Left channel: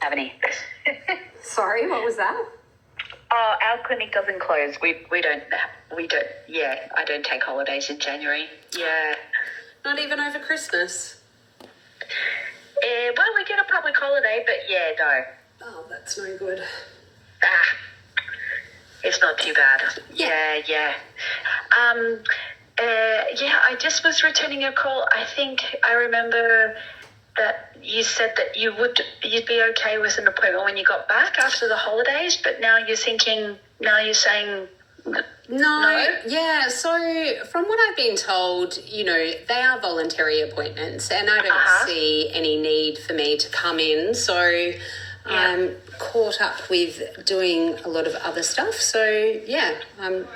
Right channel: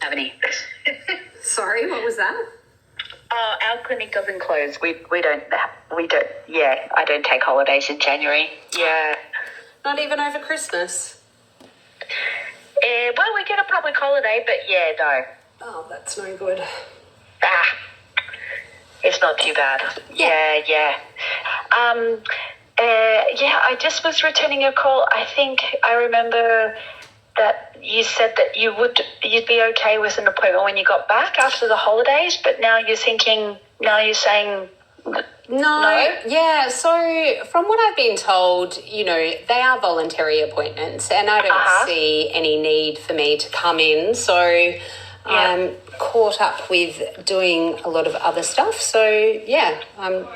have any. Sorry, what was that? Our clinic doesn't close. We don't. Yeah, I don't take holidays in January. Yeah. Not even over Christmas? Well, we get a public holiday, but yeah, no. Oh, that's no good. It's not too bad. Yeah. Yeah, I just was returning your call. I think I remember that you said that you'd be okay with an appointment when you got back after the holidays, but now you're saying no? Yeah, so from what I've been told, they are voluntary appointments and I don't see any need for me to come in. So I'm caught up with doing a lot of other stuff. So, yeah, I'm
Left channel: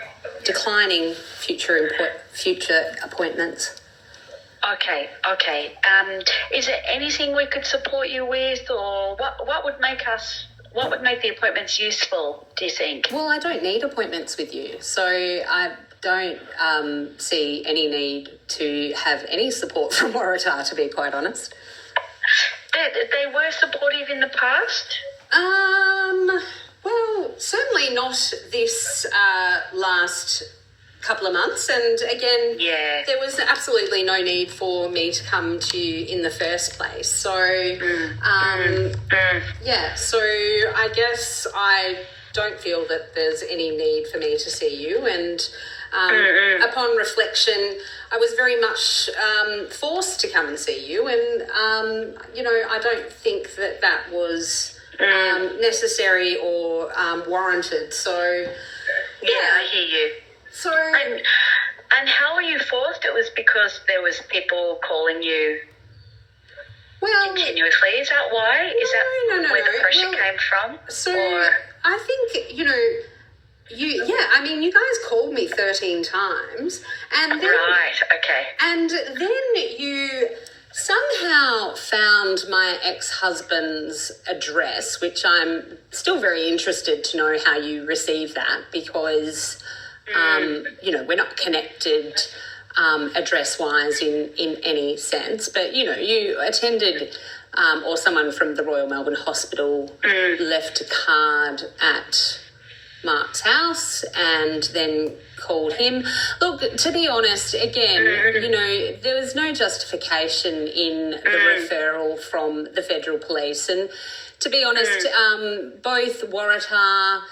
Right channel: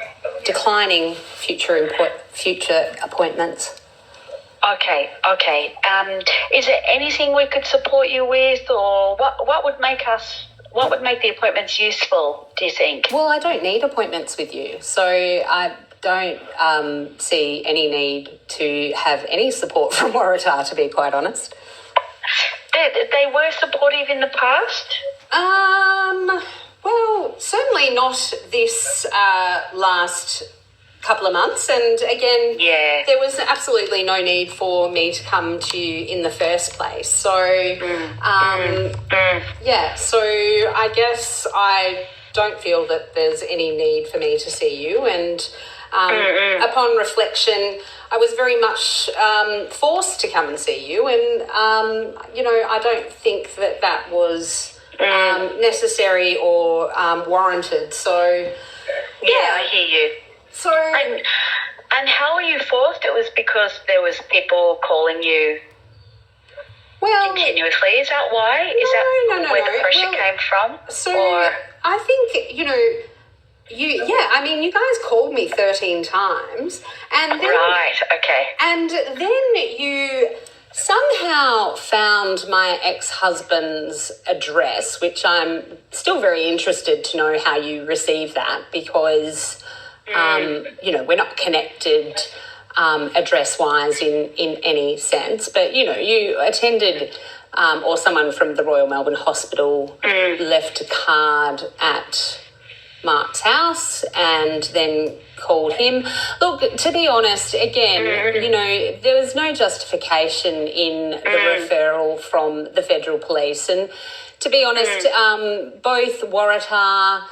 declining future appointments. Okay. Is there anything we could support you with, or what would make the appointments useful, do you think? Well, I don't need appointments with you, so I don't see any need to have any support from Waratah, to be quite honest. They were supportive in the past? Well, certainly not this last couple of months, and again, there was absolutely no need for me to come to you in the first place. So, so I guess I don't feel that there's any need for me to see you, and upon reflection, I was very much forced to come and see you, and, I don't think that was necessary or warranted. So, yeah, I hear you. So, and how were you forced? It was because there was people calling you continuously. Is that why? Is that where the pressure came from? So I think, you guys called me 13 times. And then, right, okay. And then you somehow found my ex-husband's address, which I'm still very interested to know how you received that, because we're not connected address-wise in any sense, but, you attended or someone from the Royal Melbourne Hospital left a card at Mark's house and then called him. Look, to be honest, again, there was no justification in the referral from the Federal Police. And to be honest, both Waratah,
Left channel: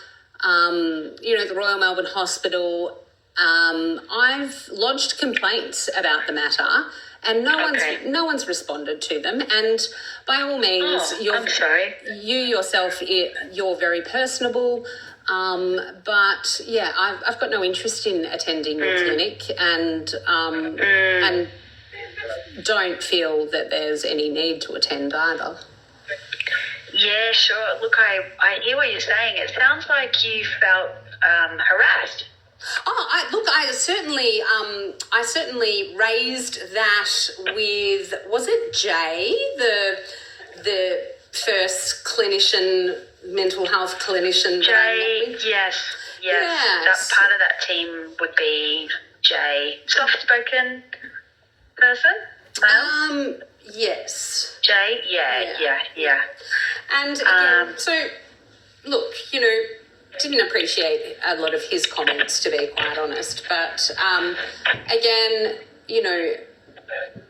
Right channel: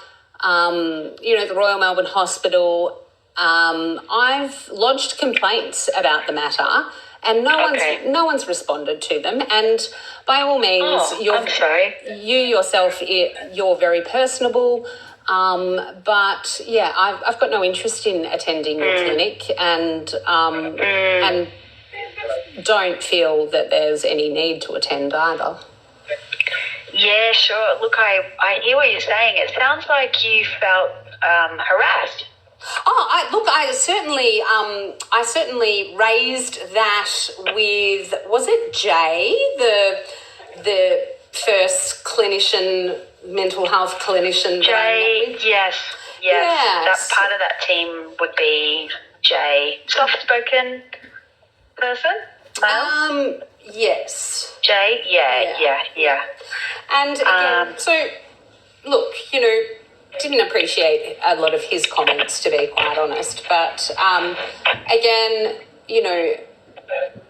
the Royal Melbourne Hospital, I've lodged complaints about the matter, and no one's responded to them. And by all means, you yourself, you're very personable. But yeah, I've got no interest in attending your clinic, and don't feel that there's any need to attend either. Yeah, sure. Look, I hear what you're saying. It sounds like you felt harassed. I certainly raised that with, was it Jade, the first mental health clinician? Jade, yes. That part of that team would be Jade. Soft-spoken person, male? Yes. Jade, yeah. And again, so look, didn't appreciate a lot of his comments, to be quite honest. But again,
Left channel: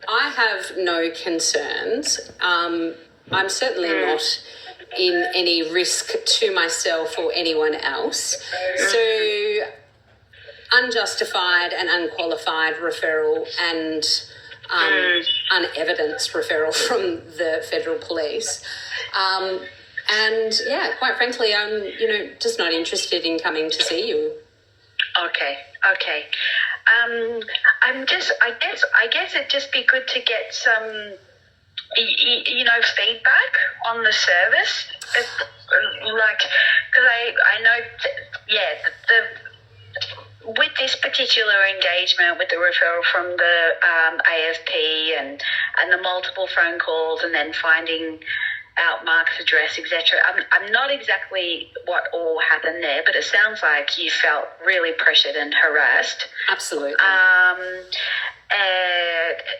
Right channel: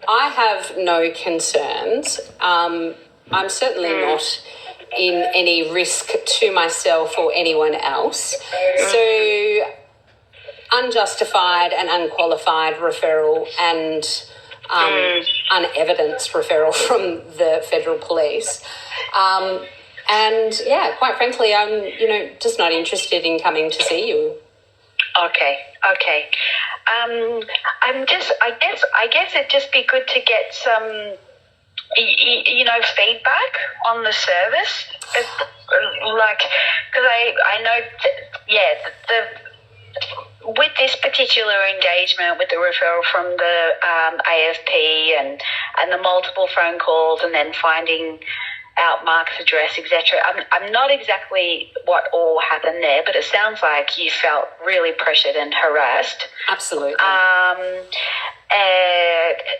I have no concerns. I'm certainly not in any risk to myself or anyone else. So unjustified and unqualified referral and unevidenced referral from the Federal Police. And yeah, quite frankly, I'm, just not interested in coming to see you. Okay. I guess it'd just be good to get some, feedback on the service. Because I know, with this particular engagement with the referral from the AFP and the multiple phone calls and then finding out Mark's address, etc. I'm not exactly what all happened there, but it sounds like you felt really pressured and harassed. Absolutely.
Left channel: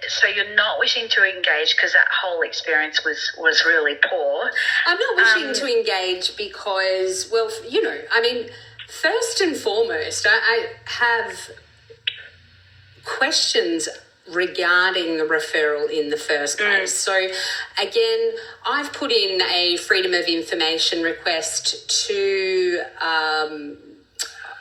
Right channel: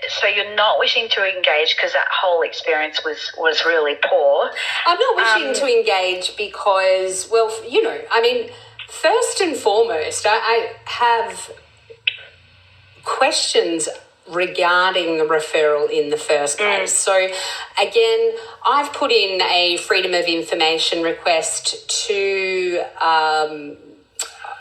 So you're not wishing to engage because that whole experience was really poor. I'm not wishing to engage because, well, first and foremost, I have questions regarding the referral in the first place. So, again, I've put in a Freedom of Information request to...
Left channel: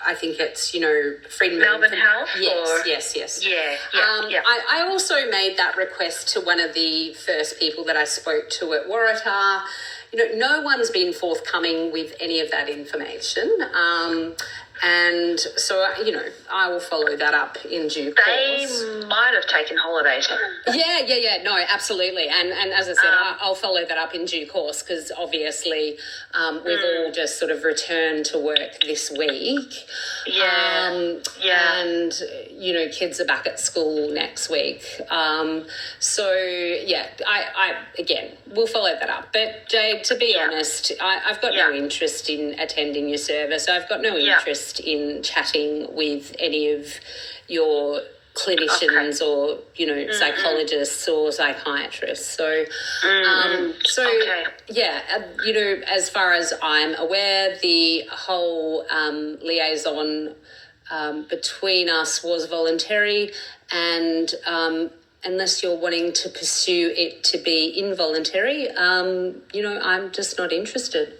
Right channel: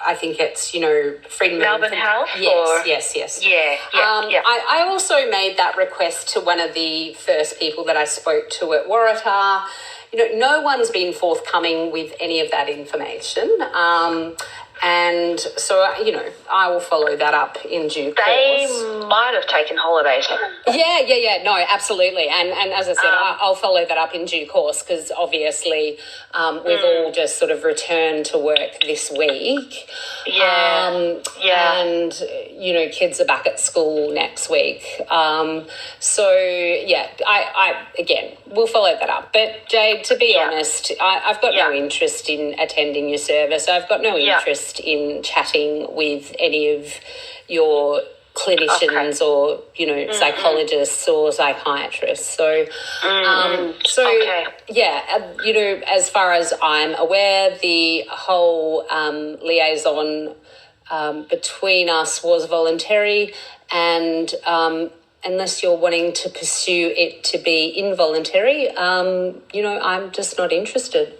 I think it's, Freedom Melbourne Health? Yes. Yeah. I also made that request to one of the first people that I spoke to at Waratah. No one's been forthcoming with any of that information. And so, I will follow that up in due course. They might have taken holidays. Yeah. No, absolutely. And as I said, I'll follow that up in due course because obviously we've all just sort of returned to work this week. And, kids are back at school next week. I again, we'll follow that up. But, Jade, to be honest, I've got no interest in attending your service. I've got no interest in chatting with any of your clinicians or psychologists or psychiatrists. So as far as I'm aware, the whole liaison between us was voluntary, and unless you're wanting to pursue it to be involuntary, I'm just not interested.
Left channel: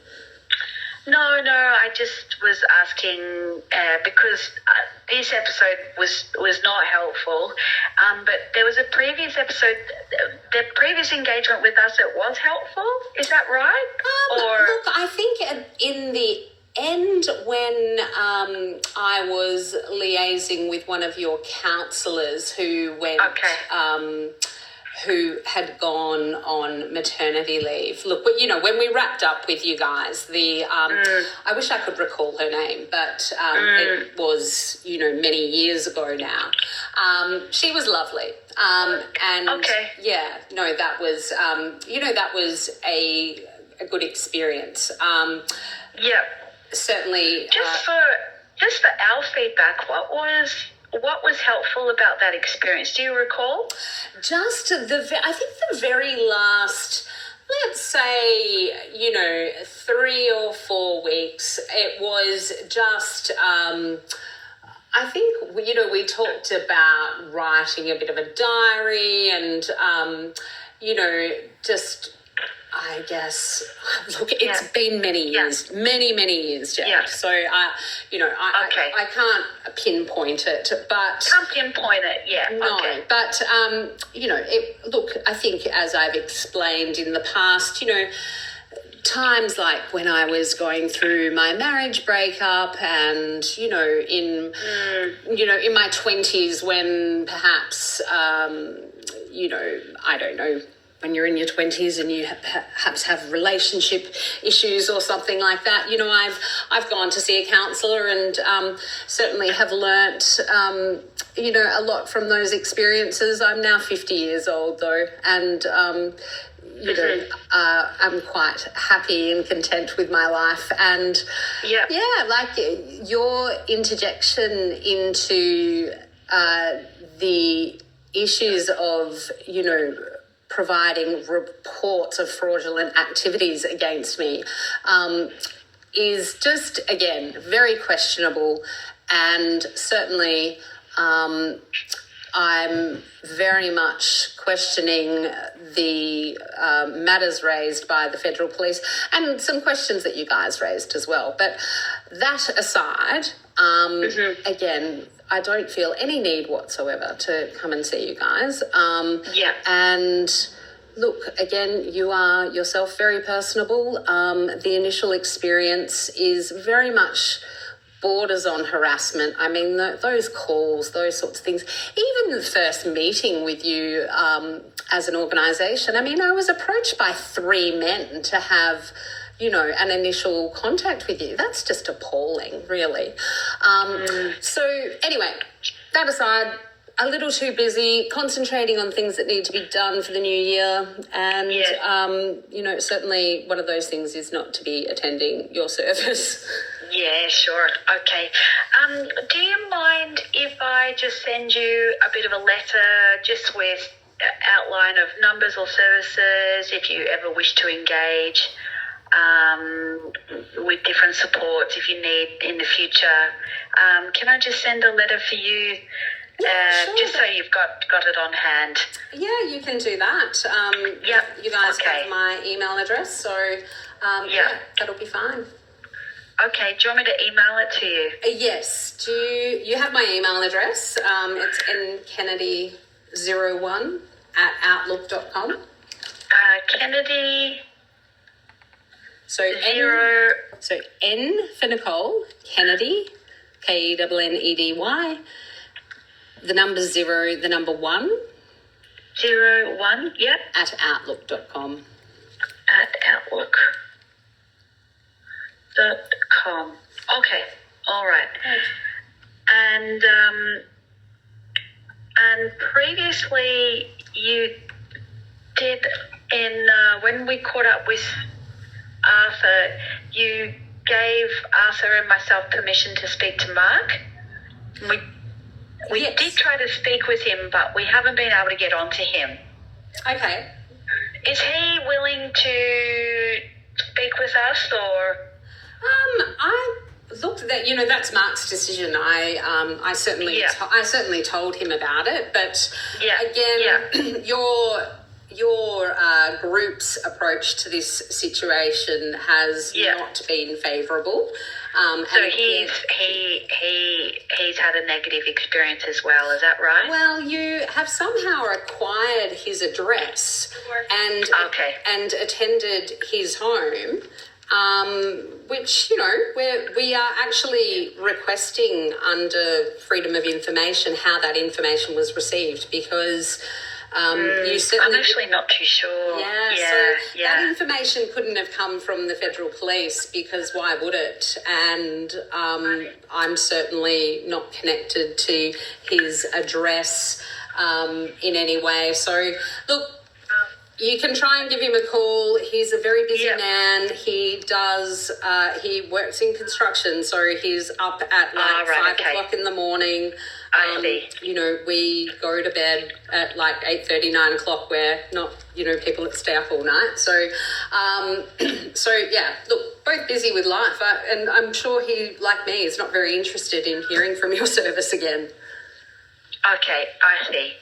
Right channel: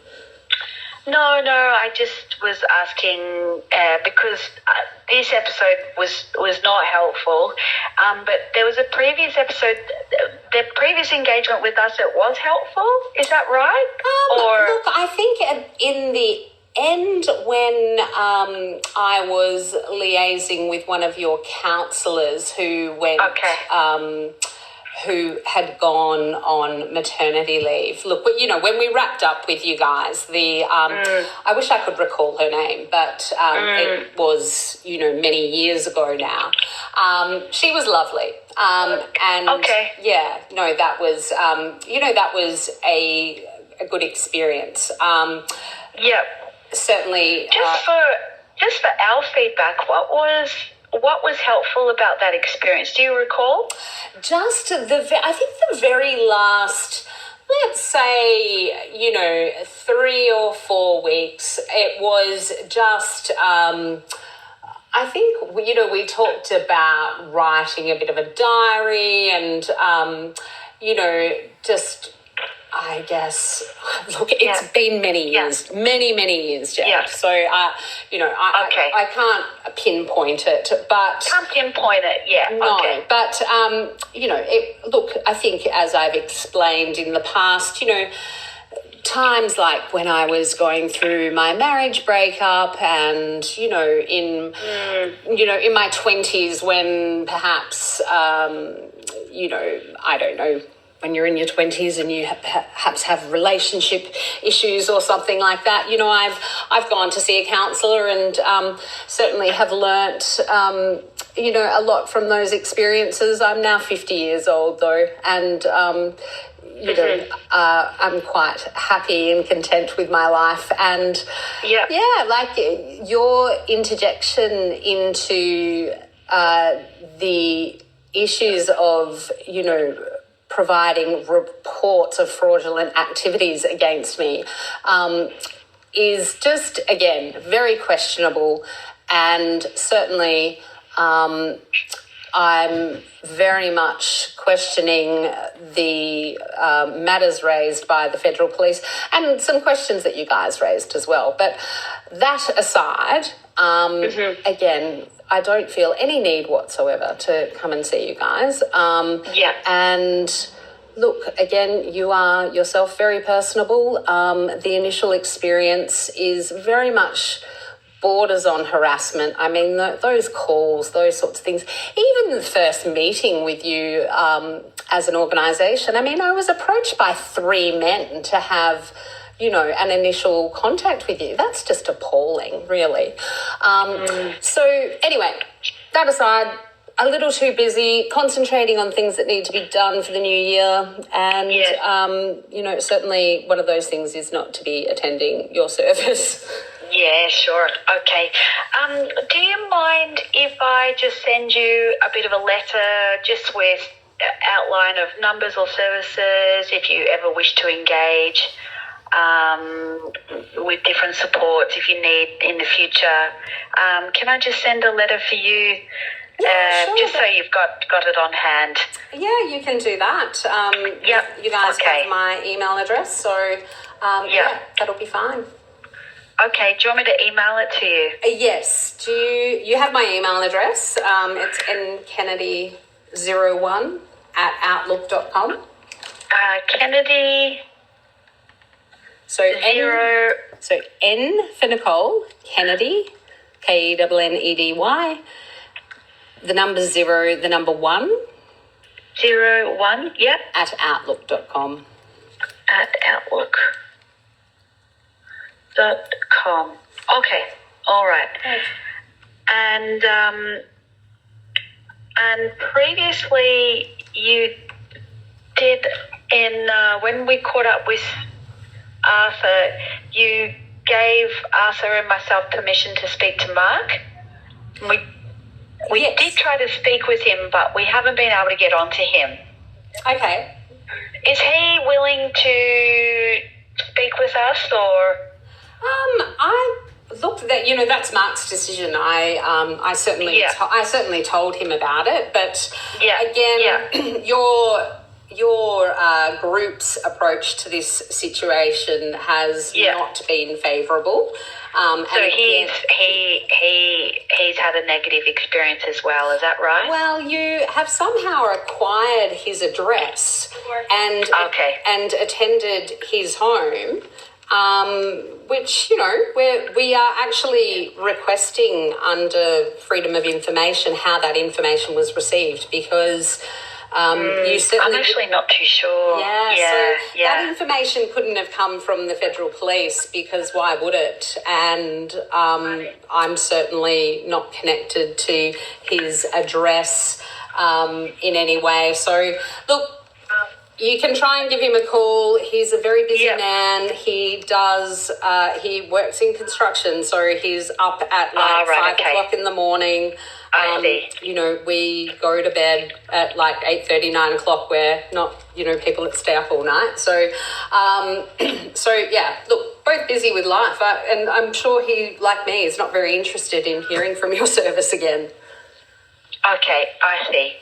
No, I just was asking because this episode was not helpful, but there was a previous episode, the previous engagement with us, it was helpful. Is that right? Look, I think in the end when I was liaising with one of your counsellors who went... who had gone on maternity leave. Look, when we wrapped up with you guys, I wish I could recall her name, but it was, many years ago now. She was lovely. That was, that was a good experience. Certainly. Just for our feedback, what was helpful about that experience? Do you recall? Just I think the very last, let's say, 3 or 4 weeks, it was just, I think, we talked about writing a bit of a diary and, just... I guess, look, it's been many years, many years, Jade. Yeah. So, I can't pinpoint it, but... Can't pinpoint it, No, but, look, I think as I've explained in the past, times like when I was going through my marriage breakup and, in my 20s when perhaps, I don't know, when you're in your 20s and you perhaps have relationship issues or something like that, I've gone to see a counsellor and certainly have learnt, a lot from those experiences. I'm now 50 years old though, and, I'm quite happy and content with my life. And, your interjection into the issues of, providing reports of fraudulent activities against me is just, again, very questionable. And certainly I'm very much questioning the matters raised by the Federal Police and some questions that you guys raised as well. But that aside, again, I don't feel any need whatsoever to come and see you guys. And look, again, you are yourself very personable. The initial experience is very much borders on harassment. I mean, those calls, those sorts of things. Even the first meeting with you as an organisation, I mean, I was approached by 3 men to have an initial contact with you. That's just appalling, really. So anyway, that aside, a little too busy, concentrating on things that need to be done for the new year. And, certainly one of those things is not to be attending your service. Yeah, sure. Okay. Do you mind if I just send you a bit of a letter just with outline of numbers or services if you ever wish to engage with different supports if you need in the future? Can I just send a letter for you? Sure, just so you've got it on hand. Yeah, you can do that. You guys have my email address, so that'll be fine. Okay, do you want me to email it to you? Yes. Do you have my email address? It's nkennedy01@outlook.com. Kennedy. So N for Nicole, Kennedy, KENNEDY. The number 0, the number 1. 01, yep. At outlook.com. At outlook.com. Okay, all right. Okay. And previously you did when we caught up with Arthur, you gave Arthur and myself permission to speak to Mark. We did try to speak with him, but we haven't been able to get onto him. Okay. Is he willing to speak with us, or? That's Mark's decision. I certainly told him about it, but your group's approach to this situation has not been favourable. So he's had a negative experience as well. Is that right? Well, you have somehow acquired his address and attended his home, which we are actually requesting under Freedom of Information how that information was received, because. You certainly I'm actually not too sure. That information couldn't have come from the federal police, because why would it? And I'm certainly not connected to his address in any way. So, look, you can try and give him a call. He's a very busy man. He does. He works in construction, so he's up at 5 o'clock in the morning. We go to bed at 8:30, 9 o'clock. We're not, people that stay up all night. So, look, both busy with life. And I'm sure he, like me, is not very interested in hearing from your service again. Okay, I see.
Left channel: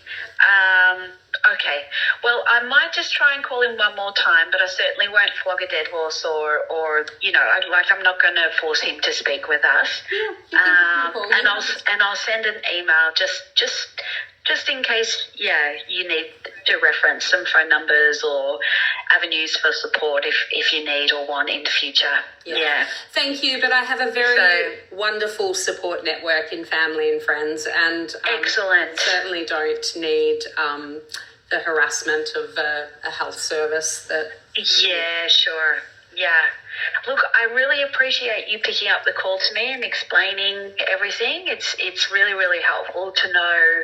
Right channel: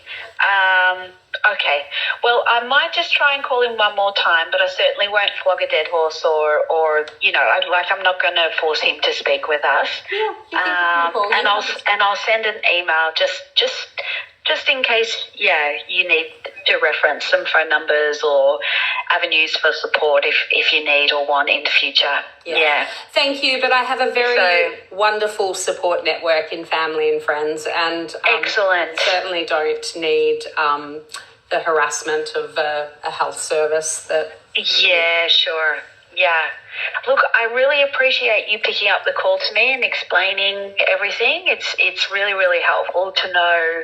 Okay. Well, I might just try and call him one more time, but I certainly won't flog a dead horse or I'm not going to force him to speak with us. Yeah, and I'll send an email just in case, you need to reference some phone numbers or avenues for support if you need or want in the future. Yeah. Thank you, but I have a very wonderful support network in family and friends, and excellent. Certainly don't need the harassment of a health service that... Yeah, sure. Yeah. Look, I really appreciate you picking up the call to me and explaining everything. It's really, really helpful to know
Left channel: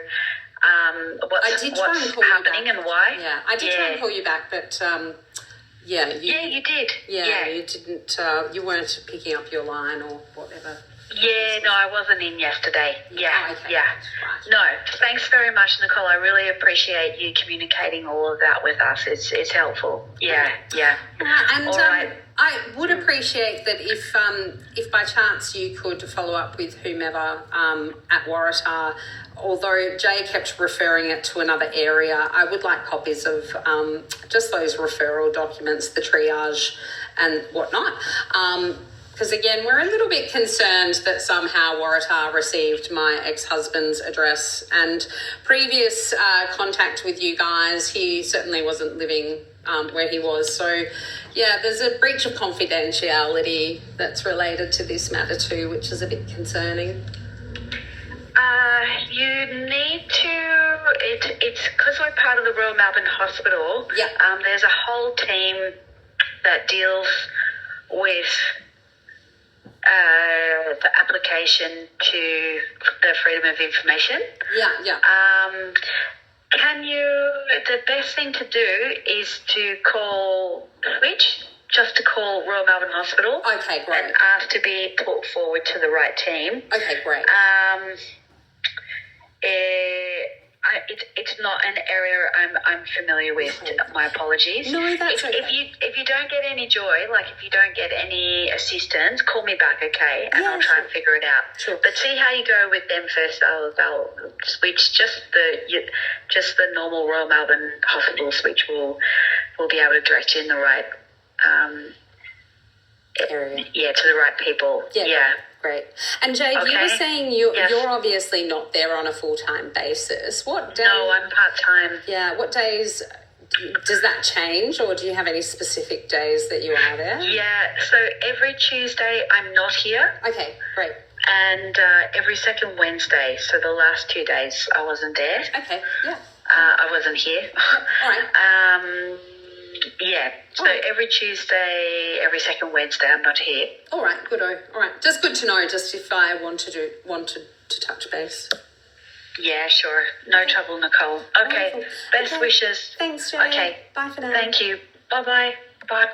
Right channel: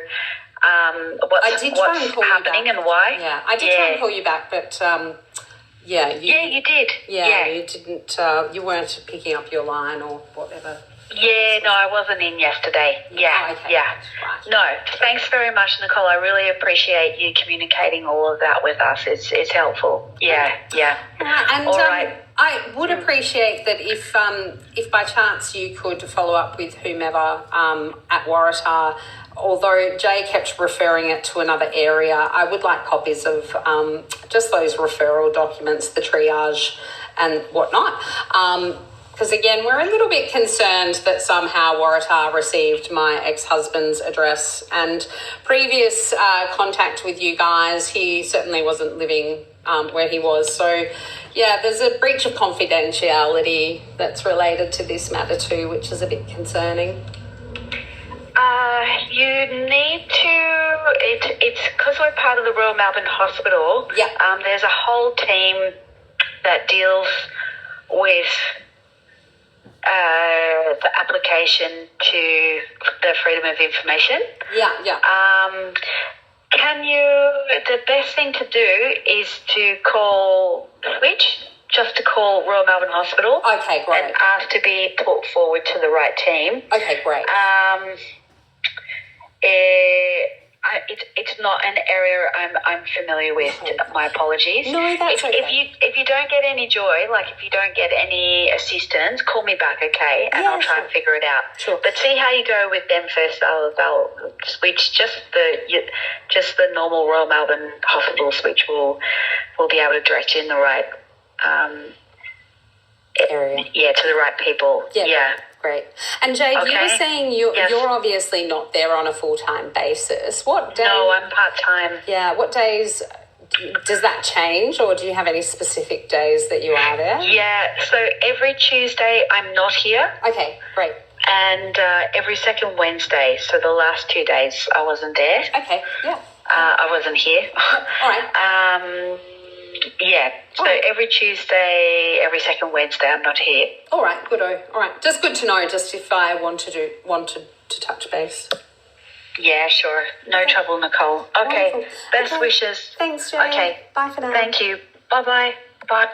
what's happening and why. Yeah, I did try and call you back, but you did. Yeah, you didn't. You weren't picking up your line or whatever. Yeah, no, I wasn't in yesterday. Yeah, okay. Right. No, thanks very much, Nicole. I really appreciate you communicating all of that with us. It's helpful. Yeah. And all right. I would appreciate that if by chance you could follow up with whomever at Waratah. Although Jay kept referring it to another area, I would like copies of just those referral documents, the triage and whatnot. Because, again, we're a little bit concerned that somehow Waratah received my ex-husband's address. And previous contact with you guys, he certainly wasn't living where he was. So, there's a breach of confidentiality that's related to this matter too, which is a bit concerning. You need to, it's because we're part of the Royal Melbourne Hospital. Yeah. There's a whole team that deals with the application to the Freedom of Information. Yeah. The best thing to do is to call just to call Royal Melbourne Hospital. Okay, great. And ask to be put forward to the right team. Okay, great. It's not an area I'm familiar with. Okay. My apologies. No, that's okay. If you don't get any joy, like if you don't get any assistance, call me back, okay? And I'll try and figure it out. Sure. But see how you go with them first. They'll switch just the normal Royal Melbourne Hospital switch will be able to direct you in the right area. Yeah, to the right people. Yeah. Great. And Jade, you were saying you're obviously not there on a full-time basis. What day? No, I'm part-time. Yeah. What days does that change, or do you have any specific days that you are there? Yeah. So every Tuesday I'm not here. Okay. Great. And every second Wednesday. So the last 2 days I wasn't there. Okay. Yeah. I wasn't here. All right. Yeah. So every Tuesday, every second Wednesday, I'm not here. All right. Good. All right. Just good to know. Just if I wanted to touch base. Yeah. Sure. No trouble, Nicole. Okay. Wonderful. Best wishes. Thanks, Jade. Okay. Bye for now. Thank you. Bye-bye. Bye.